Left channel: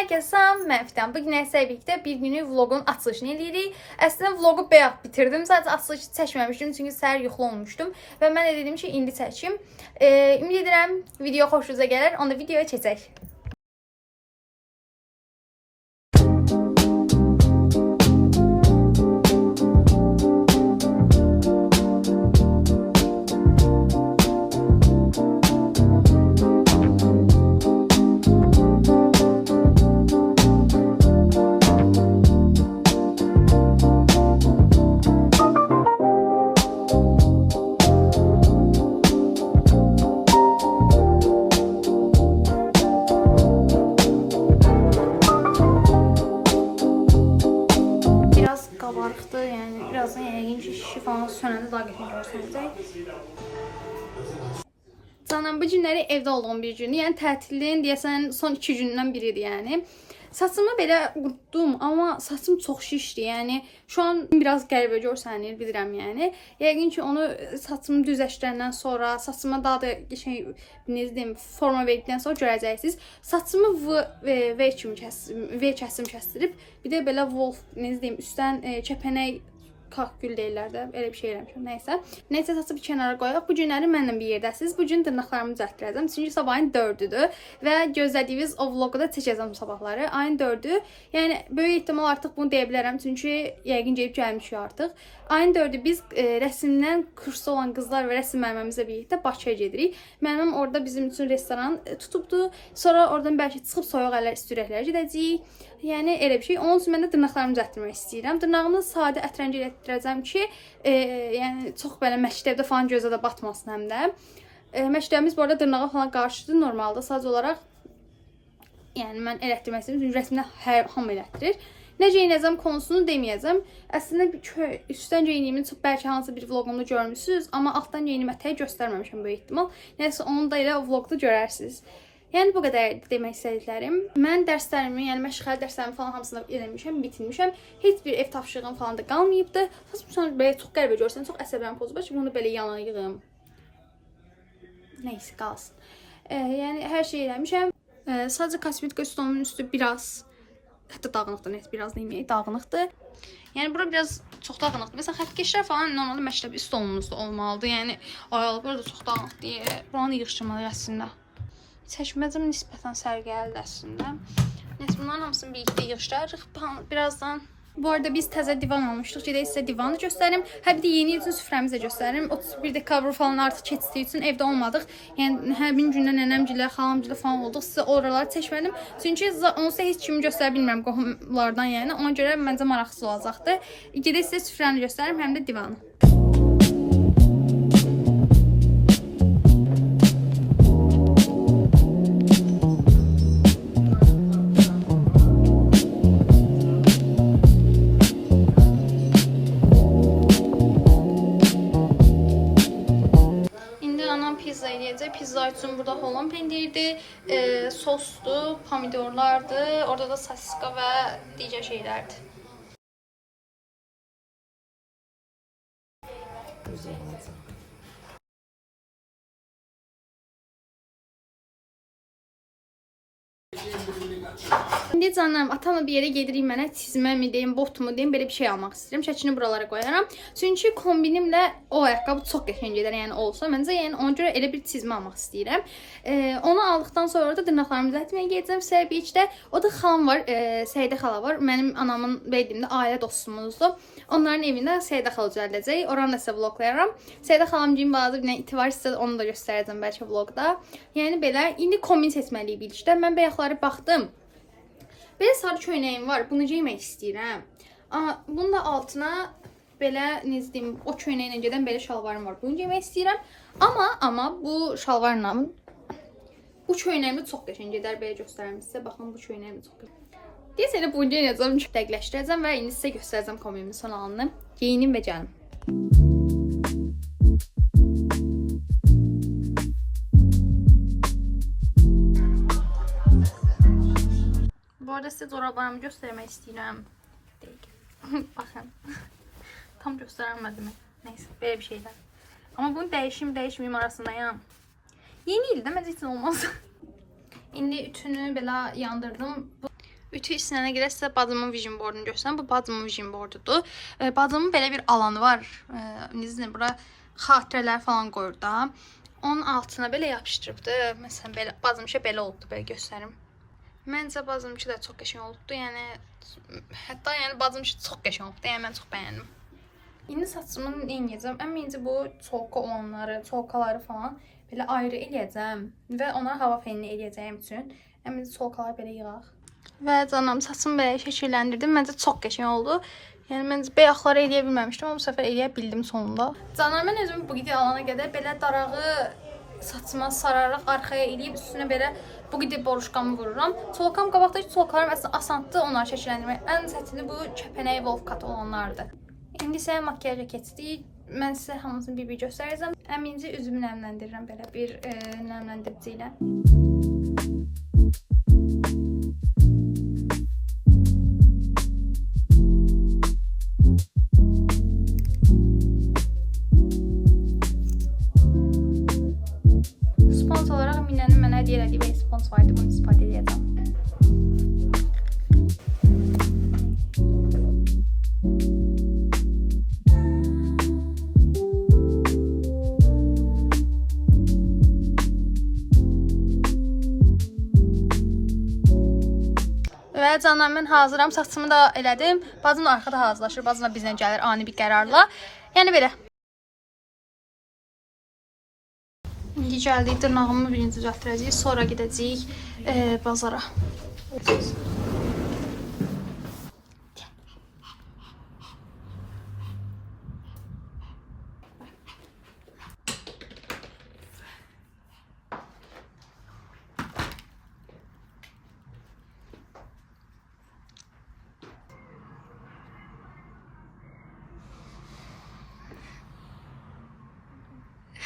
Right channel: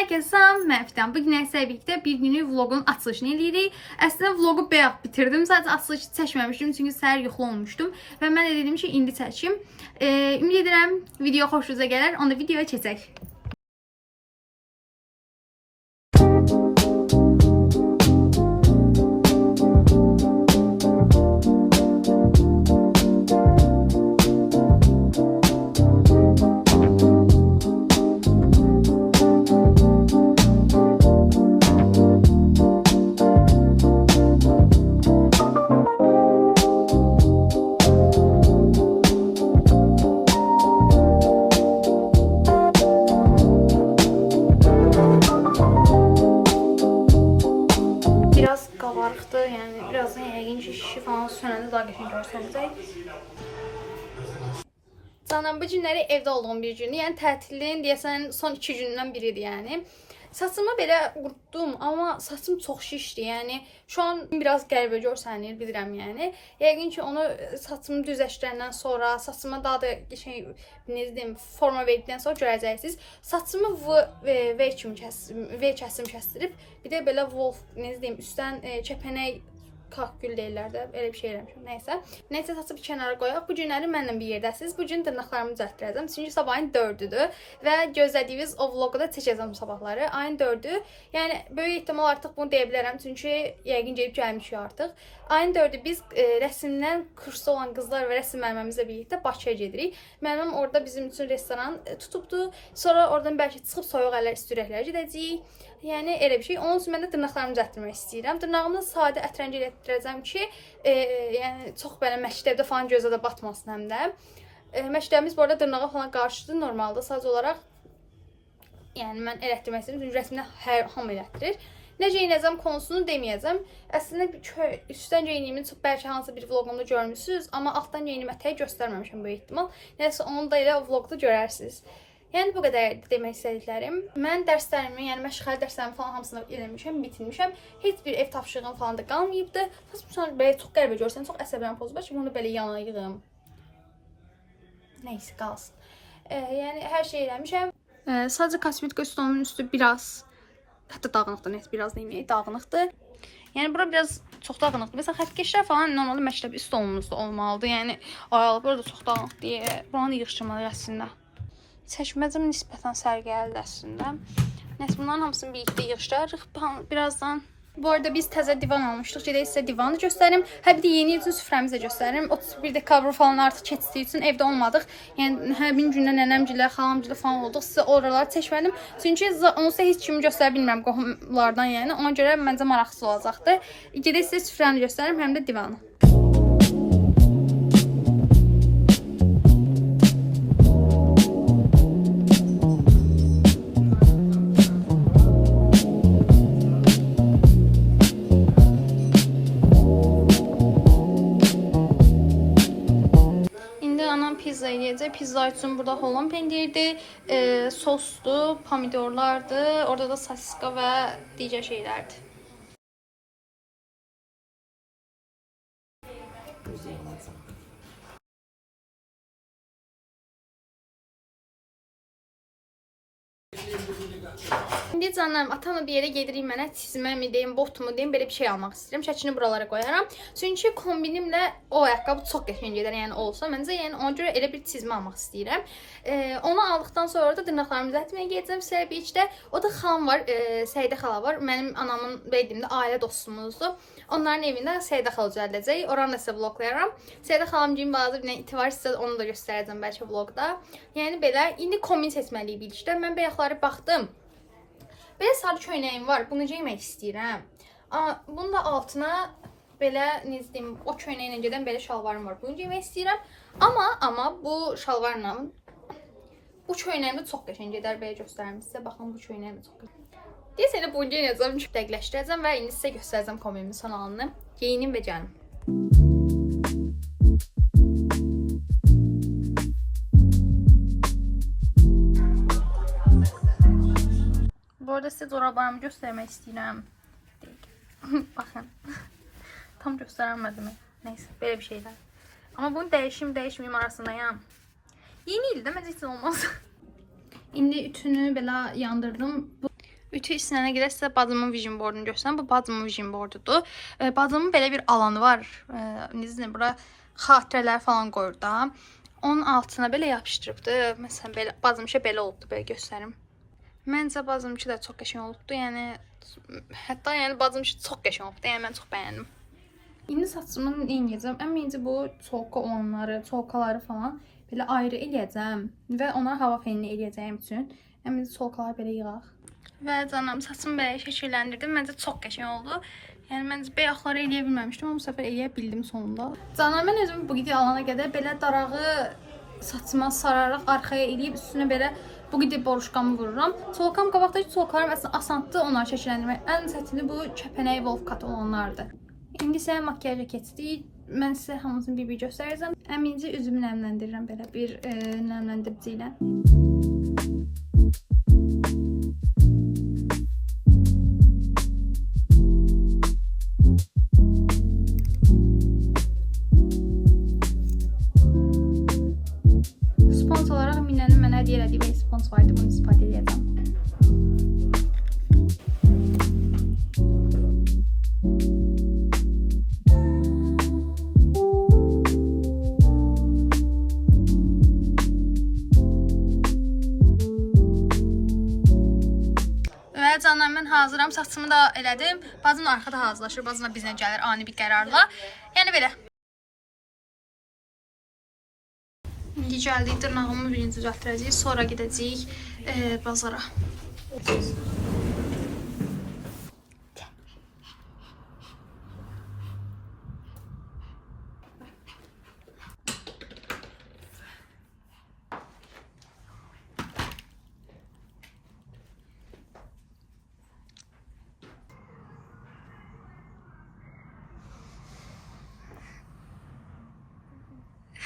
Herkese salam, mən Fidan. Bugün sizlə birlikdə bir günlük vlogun açılışını edirik. Əslində vlogu bayaq bitirdim. Sadəcə açılışı çəkməmişdim çünki səhər yuxulu olmuşdum və mən də dedim ki, indi çəkim. Ümid edirəm video xoşunuza gələr. Onda videoya keçək. Qabarıqdır, yəni birazdan yəqin ki, şişi falan sönəndə daha qəşəng görsənəcək. Canım, bu günləri evdə olduğum bir gündür, yəni tətilin deyəsən son 2 gündən biridir yəni. Saçımı belə qurutdum, amma saçım çox şişdi, yəni şu an biraz qəribə görsənir, bilirəm yəni. Yəqin ki, onu saçımı düzləşdirəndən sonra, saçıma daha da forma verdikdən sonra görəcəksiniz. Saçımı V kəsim kəsdirib, bir də belə wolf, üstdən kəpənək kakgül deyirlər də, elə bir şey eləmişəm, nəysə. Nəysə, saçı bir kənara qoyaq. Bu günləri mənlə bir yerdəsiniz. Bu gün dırnaqlarımı düzəltdirəcəm. Çünki sabahın 4-düdür və gözlədiyiniz o vlogu da çəkəcəm sabahları. Ayın 4-dü. Yəni, böyük ehtimal artıq bunu deyə bilərəm. Çünki yəqin gəlib gəlmişik artıq. Ayın 4-dü biz rəsmdən kursda olan qızlar və rəsm müəllimimizlə birlikdə Bakıya gedirik. Müəllimim orada bizim üçün restoran tutubdu. Sonra oradan bəlkə çıxıb soyuq əllər, istürəklərə gedəcəyik. Yəni elə bir şey. Onun üçün mən də dırnaqlarımı düzəltdirmək istəyirəm. Dırnağımı sadə ətrənci etdirəcəm ki, yəni çox belə məktəbdə falan gözə də batmasın həm də. Məktəbimiz bu arada dırnağa falan qarşıdır normalda. Sadəcə olaraq yəni mən elətdirmək istəyirəm. Rəsmdə hamı elətdirir. Nə geyinəcəm konusunu deməyəcəm. Əslində üstdən geyiniyimi çox bəlkə hansı bir vloqumda görmüsünüz, amma altdan geyinimi ətəyi göstərməmişəm böyük ehtimal. Nəsə onu da elə vloqda görərsiniz. Yəni bu qədər demək istədiklərim. Mən dərslərimi, yəni məşğələ dərslərimi falan hamısını eləmişəm, bitirmişəm. Heç bir ev tapşırığım falan da qalmayıbdı. Sonra belə çox qəribə görsən, çox əsəblərim pozulur ki, bunu belə yana yığım. Nəysə qalsın. Yəni hər şey eləmişəm. Sadəcə kosmetika stolumun üstü biraz, hətta dağınıqdır, net biraz deməyək, dağınıqdır. Yəni bura biraz çox dağınıqdır. Məsələn, xəttkeşlər falan normalde məktəbi stolumuzda olmalıdır. Yəni aralıqlar da çox dağınıq deyə buranı yığışdırmalıyıq əslində. Çəkməcəm nisbətən sərgəlidir əslində. Nəysə, bunların hamısını birlikdə yığışdırırıq. Birazdan. Bu arada biz təzə divan almışdıq. Gedək sizə divanı göstərim. Hə, bir də yeni il üçün süfrəmizi də göstərim. 31 dekabr falan artıq keçdiyi üçün evdə olmadıq. Yəni həmin gündə nənəmgilə, xalamgilə falan olduq. Sizə oraları çəkmədim. Çünki onsuz heç kimi göstərə bilmirəm qohumlardan yəni. Ona görə məncə maraqsız olacaqdı. Gedək sizə süfrəni göstərim, həm də divanı. Pizza üçün burada Holland pendirdir, sosdur, pomidorlardır, orada da sosiska və digər şeylərdir. İndi canlarım, atamla bir yerə gedirik, mənə çizmə mi deyim, bot mu deyim, belə bir şey almaq istəyirəm. Şəkini buralara qoyaram. Çünki kombinimlə o ayaqqabı çox qəşəng gedər, yəni olsa. Məncə, yəni ona görə elə bir çizmə almaq istəyirəm. Onu aldıqdan sonra da dırnaqlarımı düzəltməyə gedəcəm Səbikdə. O da xalam var, Səidə xala var. Mənim anamın bildiyimdə ailə dostumuzdur. Onların evində Səidə xala düzəldəcək. Oranı da sizə vloglayaram. Səidə xalamcığım bazı bir iti var, sizə onu da göstərəcəm bəlkə vlogda. Yəni belə, indi kombin seçməliyik birlikdə. Mən bayaqları baxdım. Belə sarı köynəyim var, bunu geymək istəyirəm. Bunun da altına belə, necə deyim, o köynəklə gedən belə şalvarım var. Bunu geymək istəyirəm. Amma bu şalvarla bu köynəyimdə çox qəşəng gedər, belə göstərəm sizə. Baxın, bu köynəyimdə çox qəşəng. Deyəsə elə bunu geyinəcəm, dəqiqləşdirəcəm və indi sizə göstərəcəm kombinimin son halını. Geyinim və gəlim. Bu arada sizə corablarımı göstərmək istəyirəm. Baxın. Tam göstərəmədim. Nəysə, belə bir şeylər. Amma bunu dəyişməyim arasındayam. Yeni ildə məncə heç olmaz. İndi ütünü belə yandırdım. Ütü işinə görə sizə bacımın vision boardunu göstərirəm. Bu bacımın vision boardudur. Bacımın belə bir alanı var. Necə bura xatirələr falan qoyur da. Onun altına belə yapışdırıbdı. Məsələn belə bacımşa belə oldu, belə göstərim. Məncə bacımki də çox qəşəng olubdu. Yəni hətta yəni bacımki çox qəşəng olubdu. Yəni mən çox bəyəndim. İndi saçımı eləyəcəm. Əmincə bu çolka olanları, çolkaları falan belə ayrı eləyəcəm və onları hava fenini eləyəcəyim üçün. Əmincə çolkaları belə yığaq. Və canım saçımı belə şəkilləndirdim. Məncə çox qəşəng oldu. Yəni məncə beyaqları eləyə bilməmişdim, amma bu səfər eləyə bildim sonunda. Canım mən özüm bu qədər alana qədər belə darağı saçıma sararaq arxaya eləyib üstünə belə bu qədər boruşqamı vururam. Çolkam qabaqdakı çolkalarım əslində asandır onları şəkilləndirmək. Ən çətini bu kəpənək wolf cut olanlardır. İndi isə makiyajə keçdik. Mən sizə hamısını bir göstərəcəm. Əmincə üzümü nəmləndirirəm belə bir nəmləndirici ilə. Spons olaraq Minənin mənə hədiyyə elədiyi bir spons vardı. Bunu istifadə edəcəm. Və canlar mən hazıram. Saçımı da elədim. Bacım da arxada hazırlaşır. Bacım da bizlə gəlir ani bir qərarla. Yəni belə. İndi gəldik dırnağımı birinci düzəltdirəcəyik. Sonra gedəcəyik bazara.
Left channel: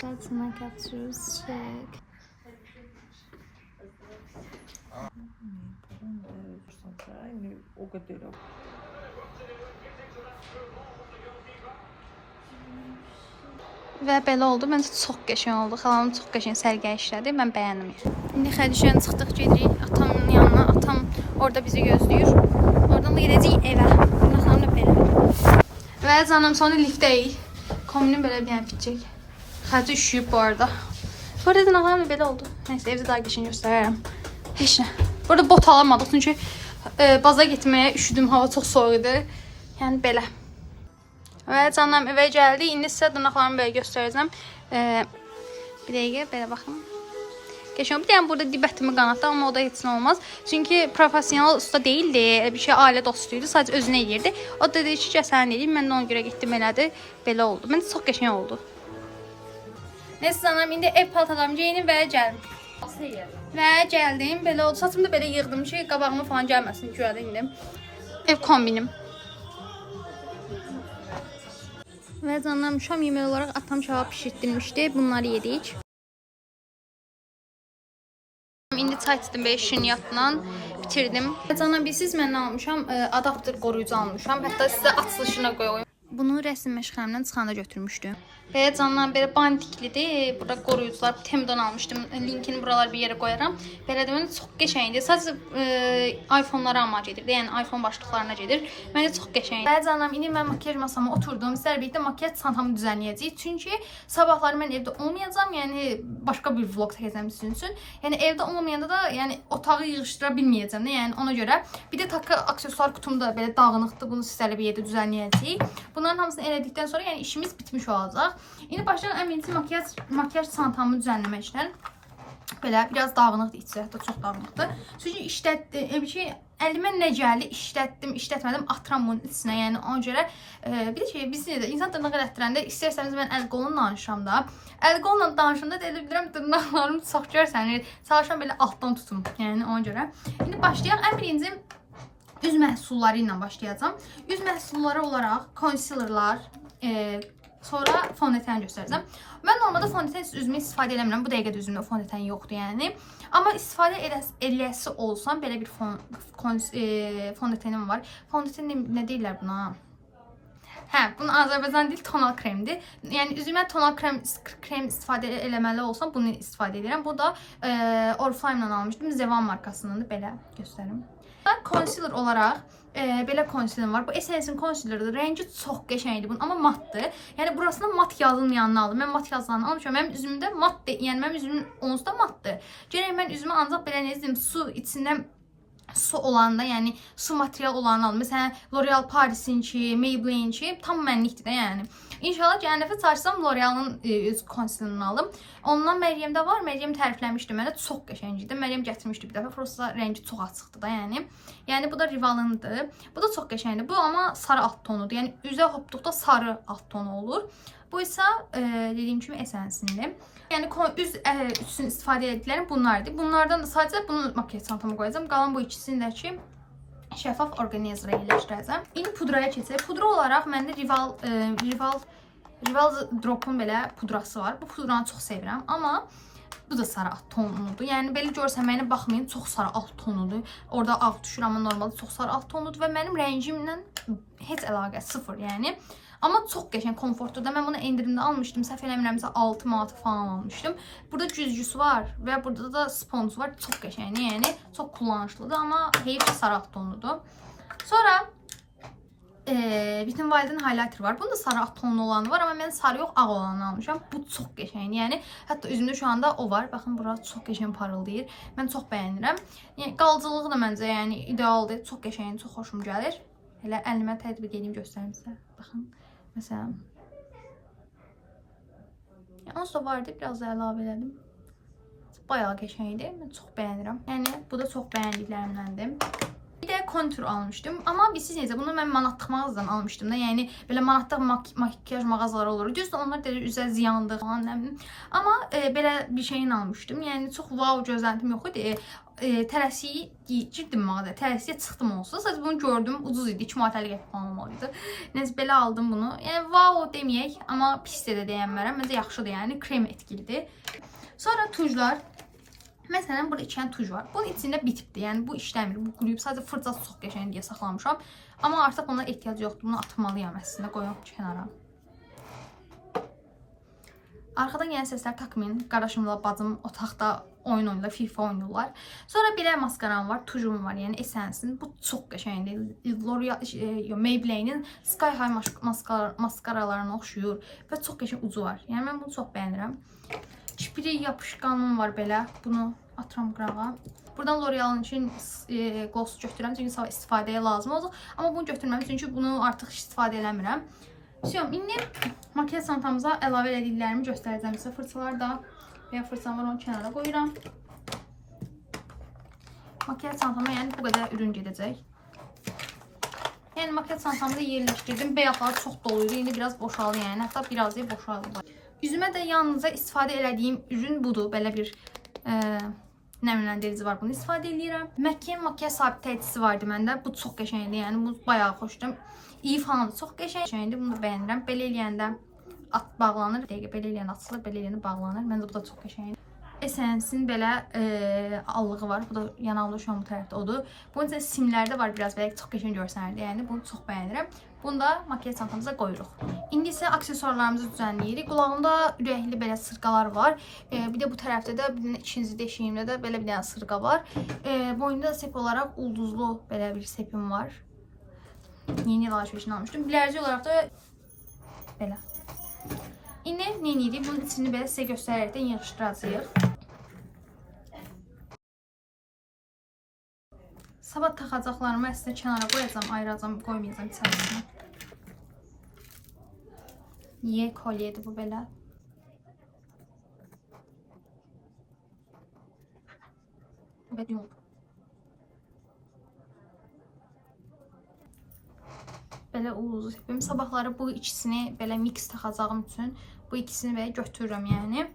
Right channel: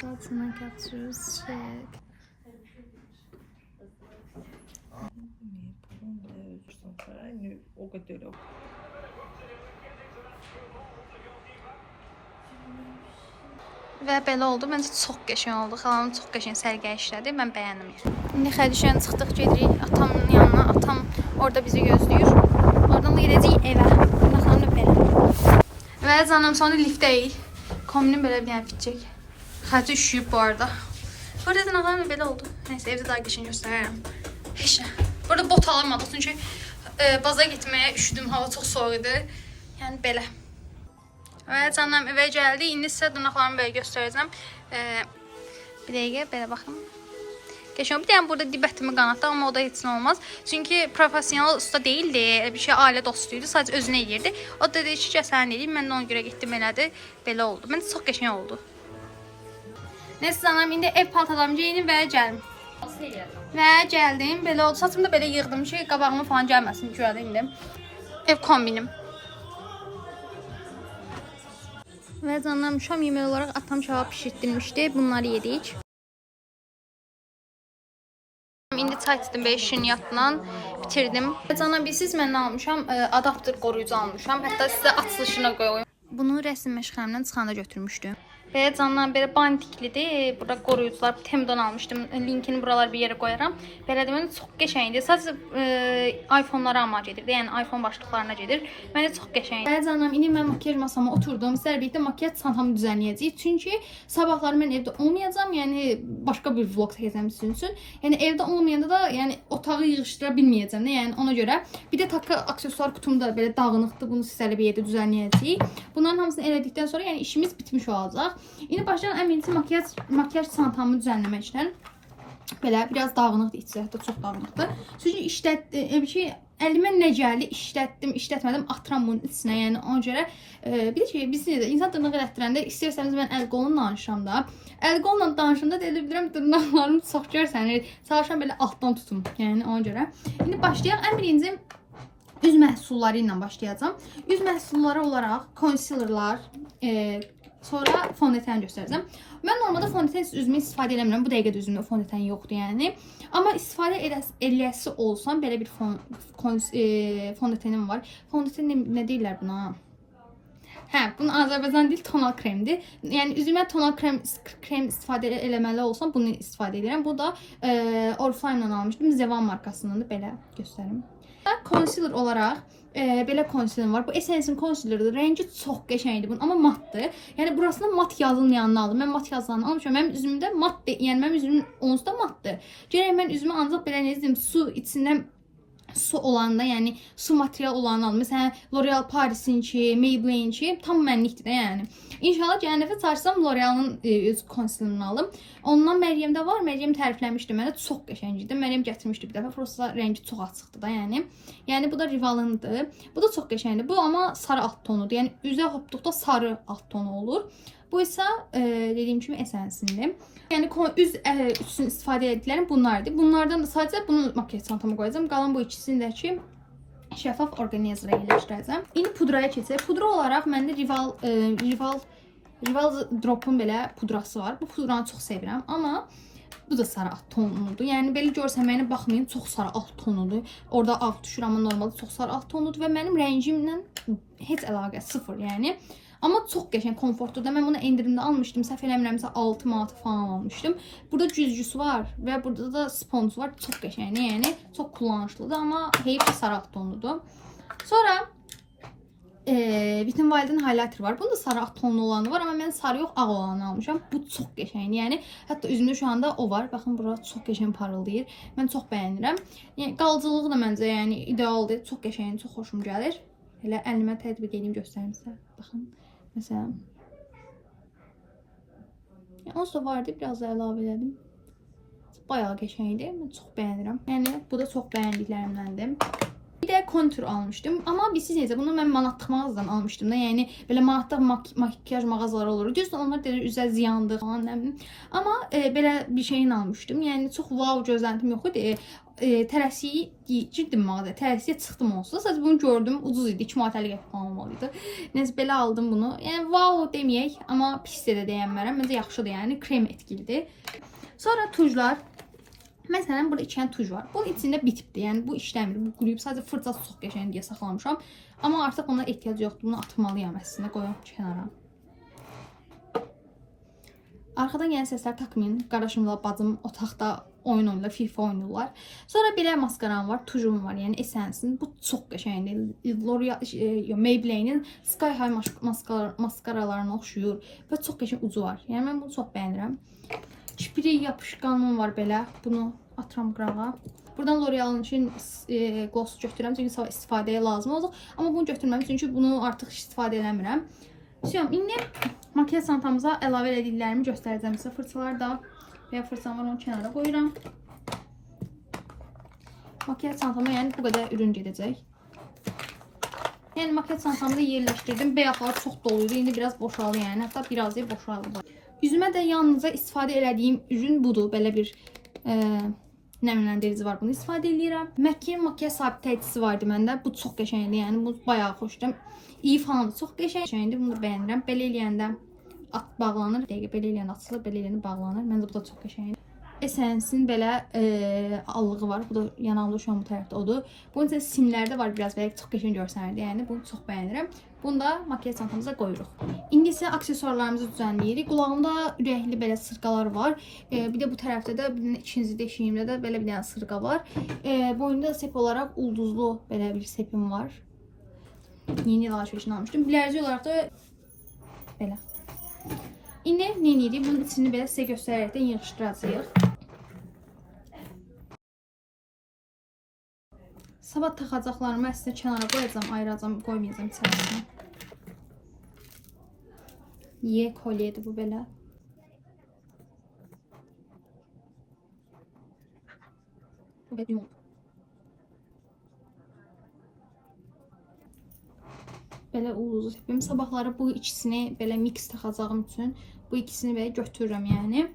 That's my captures check. Və belə oldu. Məncə çox qəşəng oldu. Xalam çox qəşəng sərgə işlədi. Mən bəyəndim. İndi Xədişən çıxdıq, gedirik atamın yanına. Atam orada bizi gözləyir. Oradan da gedəcəyik evə. Bundan sonra belə. Və canım sonra liftdəyik. Kombinim belə bir yer bitecək. Xəci üşüyüb bu arada. Bu arada dırnaqlarım belə oldu. Neyse evdə daha qəşəng göstərərəm. Heç nə. Bu arada bot alamadıq çünki baza getməyə üşüdüm. Hava çox soğuk idi. Yəni belə. Və canım evə gəldi. İndi sizə dırnaqlarımı belə göstərəcəm. Bir dəqiqə belə baxın. Qəşəng. Bir dənə burada dibətimi qanatdı, amma o da heç nə olmaz. Çünki professional usta deyildi. Bir şey ailə dostuydu. Sadəcə özünə eləyirdi. O da dedi ki, sən eləyir. Mən də ona görə getdim elədi. Belə oldu. Məncə çox qəşəng oldu. Neyse canım, indi ev paltalarımı geyinim və gəlim. Və gəldim, belə oldu. Saçımı da belə yığdım ki, qabağımı falan gəlməsin ki, indi. Ev kombinim. Və canım, şam yeməyi olaraq atam şava pişirtdirmişdi. Bunları yedik. İndi çay içdim belə şirniyyatla bitirdim. Və canım, bilsiz mən nə almışam? Adapter qoruyucu almışam. Hətta sizə açılışına qoyayım. Bunu rəsm məşğələmdən çıxanda götürmüşdüm. Belə canlar belə bandiklidir. Burada qoruyucular Tem'dən almışdım. Linkini buralar bir yerə qoyaram. Belə deməli çox qəşəngdir. Sadəcə iPhone-lara amac edir. Yəni iPhone başlıqlarına gedir. Məncə çox qəşəngdir. Belə canlar, indi mən makiyaj masama oturdum. Sizlərlə birlikdə makiyaj çantamı düzənləyəcəyik. Çünki sabahları mən evdə olmayacağam. Yəni başqa bir vlog çəkəcəm sizin üçün. Yəni evdə olmayanda da yəni otağı yığışdıra bilməyəcəm. Yəni ona görə bir də takı aksesuar kutum da belə dağınıqdır. Bunu sizlərlə bir yerdə düzənləyəcəyik. Bunların hamısını elədikdən sonra yəni işimiz bitmiş olacaq. İndi başlayalım əminci makiyaj çantamı düzənləməkdən. Belə biraz dağınıqdır, içi hətta çox dağınıqdır. Çünki əlimə nə gəldi, işlətmədim, atıram bunun içinə. Yəni ona görə bir də bilsiniz də insan dırnaq elətdirəndə istərsəniz mən əl qolunla danışıram da. Əl qolla danışanda da elə bilirəm dırnaqlarım çox görsənir. Çalışıram belə altdan tutum. Yəni ona görə. İndi başlayaq. Ən birinci üz məhsulları ilə başlayacağam. Üz məhsulları olaraq concealerlar, sonra fondöten göstərəcəm. Mən normalda fondöten üzümü istifadə eləmirəm. Bu dəqiqədə üzümdə fondöten yoxdur yəni. Amma istifadə eləsi olsam belə bir fondötenim var. Fondöten nə deyirlər buna? Hə, bunun Azərbaycan dil tonal kremdir. Yəni üzümə tonal krem istifadə eləməli olsam bunu istifadə edirəm. Bu da Oriflame-dan almışdım. Zevan markasındandır. Belə göstərim. Concealer olaraq belə concealer var. Bu Essence-in concealerıdır. Rəngi çox qəşəngdir bunun, amma matdır. Yəni burasında mat yazılmayanını aldım. Mən mat yazılanı almışam. Mənim üzümdə matdır. Yəni mənim üzümün onsuz da matdır. Gərək mən üzümə ancaq belə nə deyim, su içindən su olanda, yəni su material olanı aldım. Məsələn, L'Oreal Paris'inki, Maybelline'inki tam mənlikdir də yəni. İnşallah gələn dəfə çalışsam L'Oreal'ın öz concealer'ını alım. Ondan Məryəmdə var. Məryəm tərifləmişdi mənə. Çox qəşəngdir. Məryəm gətirmişdi bir dəfə. Prosta rəngi çox açıqdır da, yəni. Yəni bu da Rival'ındır. Bu da çox qəşəngdir. Bu amma sarı alt tonudur. Yəni üzə hopduqda sarı alt tonu olur. Bu isə dediyim kimi Essence-indir. Yəni üz üçün istifadə etdiklərim bunlardır. Bunlardan da sadəcə bunu makyaj çantama qoyacağam. Qalan bu ikisini də ki şəffaf orqanizrə yerləşdirəcəm. İndi pudraya keçək. Pudra olaraq məndə Rival Drop'un belə pudrası var. Bu pudranı çox sevirəm, amma bu da sarı alt tonudur. Yəni belə görsəməyinə baxmayın, çox sarı alt tonudur. Orada ağ düşür, amma normalda çox sarı alt tonudur və mənim rəngimlə heç əlaqə sıfır, yəni. Amma çox qəşəng, komfortludur. Mən bunu endirimdə almışdım. Səhv eləmirəmsə 6 manat falan almışdım. Burada güzgüsü var və burada da sponsu var. Çox qəşəngdir, yəni çox kullanışlıdır, amma heyif sarı alt tonudur. Sonra Bütün Wild'in highlighter var. Bunda sarı alt tonlu olanı var, amma mən sarı yox, ağ olanı almışam. Bu çox qəşəngdir. Yəni hətta üzümdə şu anda o var. Baxın, bura çox qəşəng parıldayır. Mən çox bəyənirəm. Yəni qalıcılığı da məncə yəni idealdır. Çox qəşəngdir, çox xoşum gəlir. Elə əlimə tətbiq edeyim, göstərim sizə. Baxın, məsələn. Yəni onsuz da vardı, biraz da əlavə elədim. Bayağı qəşəngdir. Mən çox bəyənirəm. Yəni bu da çox bəyəndiklərimdəndir. Bir də kontur almışdım. Amma siz necə, bunu mən manatlıq mağazadan almışdım da. Yəni belə manatlıq makyaj mağazaları olur. Düzdür, onlar deyir üzə ziyandır falan, nə bilim. Amma belə bir şeyin almışdım. Yəni çox wow gözləntim yox idi. Tələsiyi girdim mağazaya. Tələsiyə çıxdım onsuz. Sadəcə bunu gördüm, ucuz idi. 2 manat 50 qəpik falan olmalıydı. Neyse belə aldım bunu. Yəni wow deməyək, amma pis də deyənmərəm. Məncə yaxşıdır, yəni krem etkilidir. Sonra tujlar. Məsələn, burada 2 dənə tuj var. Bunun içində bitibdir. Yəni bu işləmir. Bu quruyub. Sadəcə fırçası çox qəşəng deyə saxlamışam. Amma artıq buna ehtiyac yoxdur. Bunu atmalıyam əslində. Qoyum kənara. Arxadan gələn səslər takmayın. Qardaşımla bacım otaqda oyun oynayırlar, FIFA oynayırlar. Sonra belə maskaram var, tujum var. Yəni Essence-in. Bu çox qəşəngdir. L'Oreal, Maybelline'in Sky High maskaralarına oxşuyur və çox qəşəng ucu var. Yəni mən bunu çox bəyənirəm. Çipiri yapışqanım var belə. Bunu atıram qırağa. Buradan L'Oreal'ın için gloss götürürəm. Çünki sabah istifadəyə lazım olacaq. Amma bunu götürməm. Çünki bunu artıq istifadə eləmirəm. İndi makyaj çantamıza əlavə elədiklərimi göstərəcəm sizə. Fırçalar da və fırçam var, onu kənara qoyuram. Makyaj çantama yəni bu qədər ürün gedəcək. Yəni makyaj çantamda yerləşdirdim. Bəyaqlar çox doluydu. İndi biraz boşaldı yəni. Hətta biraz da boşaldı. Üzümə də yalnızca istifadə elədiyim ürün budur. Belə bir nəmləndirici var. Bunu istifadə edirəm. MAC-in makyaj sabitləticisi vardı məndə. Bu çox qəşəngdir. Yəni bu bayağı xoşdur. İyi falan da çox qəşəngdir. Bunu da bəyənirəm. Belə eləyəndə bağlanır. Dəqiqə belə eləyəndə açılır, belə eləyəndə bağlanır. Məncə bu da çox qəşəngdir. Essence-in belə allığı var. Bu da yanaqlı şu an bu tərəfdə odur. Bunun üçün simlərdə var biraz belə çox qəşəng görsənirdi. Yəni bunu çox bəyənirəm. Bunu da makyaj çantamıza qoyuruq. İndi isə aksesuarlarımızı düzənləyirik. Qulağımda ürəkli belə sırqalar var. Bir də bu tərəfdə də ikinci deşiyimdə də belə bir dənə sırqa var. Boynunda sep olaraq ulduzlu belə bir sepim var. Yeni alışverişini almışdım. Bilərzik olaraq da belə. İndi nə edirik? Bunun içini belə sizə göstərərəkdən yığışdıracağıq. Sabah taxacaqlarımı əslində kənara qoyacağam, ayıracağam, qoymayacağım içərisinə. Ye kolyedir bu belə. Evet, yok. Belə ulduzlu sepim. Sabahları bu ikisini belə mix taxacağım üçün bu ikisini belə götürürəm yəni.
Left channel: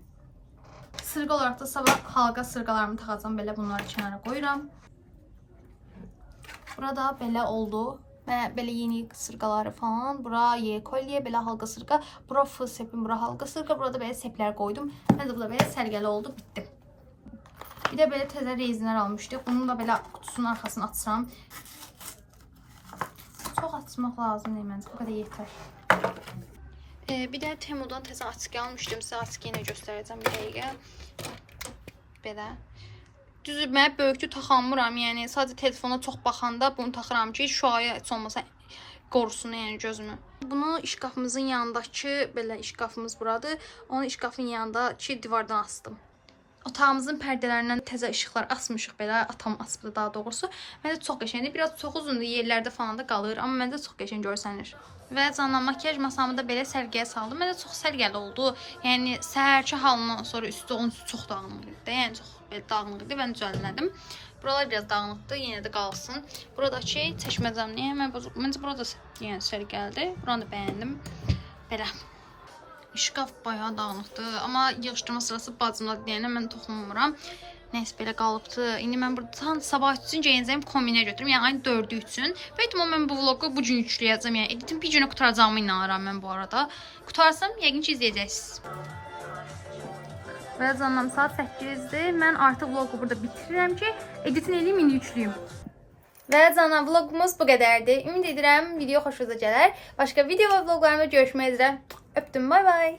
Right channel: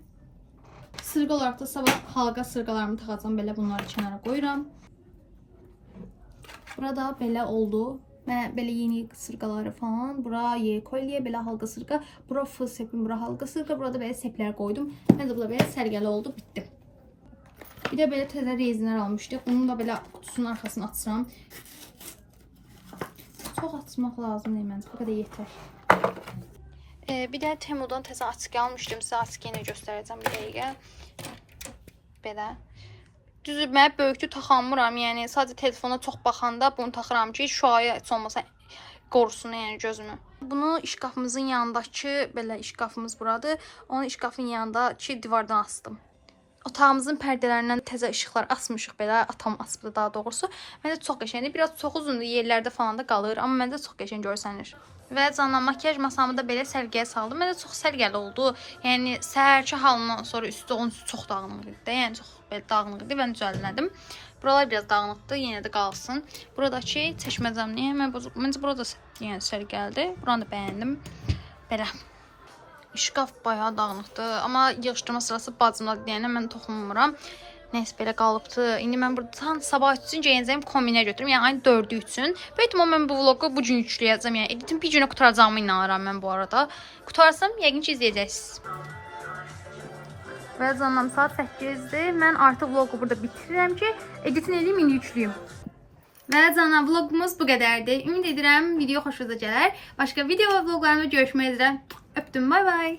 Sırqa olaraq da sabah halqa sırqalarımı taxacağam. Belə bunları kənara qoyuram. Burada belə oldu. Belə yeni sırqaları falan. Bura ye kolye, belə halqa sırqa. Bura fıl sepim, bura halqa sırqa. Burada belə seplər qoydum. Məncə bu da belə sərgəli oldu, bitdi. Bir də belə təzə rezinlər almışdıq. Bunun da belə qutusunun arxasını açsam. Çox açmaq lazım değil məncə. Bu qədər yetər. Bir də Temu'dan təzə askı almışdım. Sizə askı yenə göstərəcəm bir dəqiqə. Belə. Düzü mən böyükdür taxamıram. Yəni sadəcə telefona çox baxanda bunu taxıram ki, şüaya heç olmasa qorusun yəni gözümü. Bunu şkafımızın yanındakı belə şkafımız buradır. Onu şkafın yanındakı divardan asdım. Otağımızın pərdələrindən təzə işıqlar asmışıq belə. Atam asıbdı daha doğrusu. Məncə çox qəşəngdir. Biraz çox uzundur, yerlərdə falan da qalır, amma məncə çox qəşəng görsənir. Və canım makyaj masamı da belə səliqəyə saldım. Məncə çox səliqəli oldu. Yəni səhərki halından sonra üstü onun üstü çox dağınıq idi. Yəni çox belə dağınıq idi. Mən düzəltdim. Buralar biraz dağınıqdır, yenə də qalsın. Buradakı çəkməcəmni məncə burada yəni səliqəlidir. Buranı da bəyəndim. Belə. Şkaf bayağı dağınıqdır, amma yığışdırma sırası bacımdadır deyəndə mən toxunmuram. Nəysə belə qalıbdı. İndi mən buradan sabah üçün geyinəcəyim kombinə götürüm. Yəni ayın 4-ü üçün. Böyük ehtimal mən bu vlogu bu gün yükləyəcəm. Yəni editim bir günə qutaracağımı inanıram mən bu arada. Qutarsam yəqin ki izləyəcəksiniz. Və canım saat 8-dir. Mən artıq vlogu burada bitirirəm ki, editin eləyim, indi yükləyim. Və canım vlogumuz bu qədərdir. Ümid edirəm video xoşunuza gələr. Başqa video və vloqlarımda görüşmək üzrə. Öptüm, bay bay.